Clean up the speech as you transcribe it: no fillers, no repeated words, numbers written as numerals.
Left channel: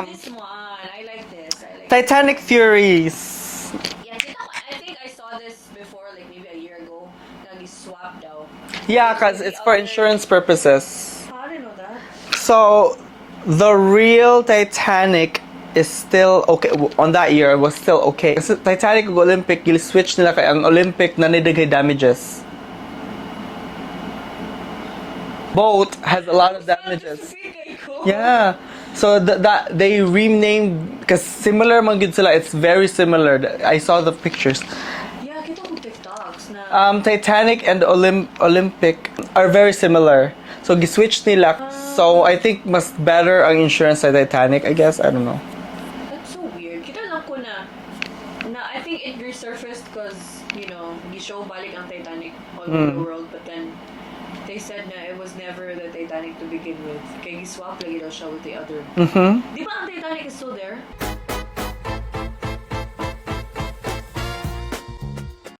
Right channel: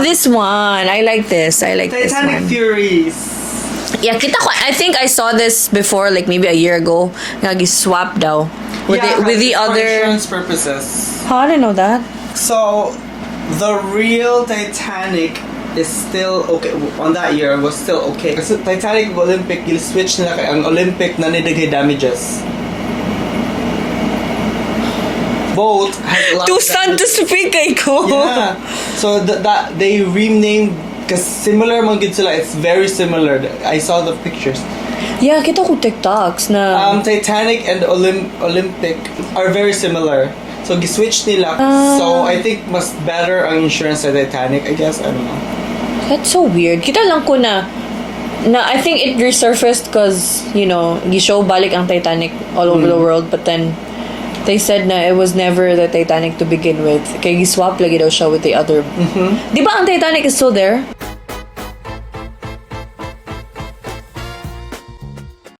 This one. I like this. I like Titanic this one. Furies. Yeah, kita ko. I think I saw this before, like maybe a year ago. Nag-swap daw. With the for other... insurance purposes. How I didn't know that. So, the real Titanic is still okay. On that year, was still okay. Kasi Titanic Olympic, switch nila kay ang Olympic na nilagay damages. Both had a lot Too of stunned to damages. speak kay ko. Yeah. So that they renamed because similar man gid sila. It's very similar. I saw the pictures. Yeah, kita ko TikToks na... Titanic and Olympic are very similar. So gi-switch nila. So I think mas better ang insurance sa Titanic. I guess I don't know. That's so weird. Kita lang ko na I think it resurfaced because, gi-show balik ang Titanic all over the world, but then they said na it was never the Titanic to begin with. Kaya gi-swap lagi daw siya with the other. Di ba ang Titanic is still there?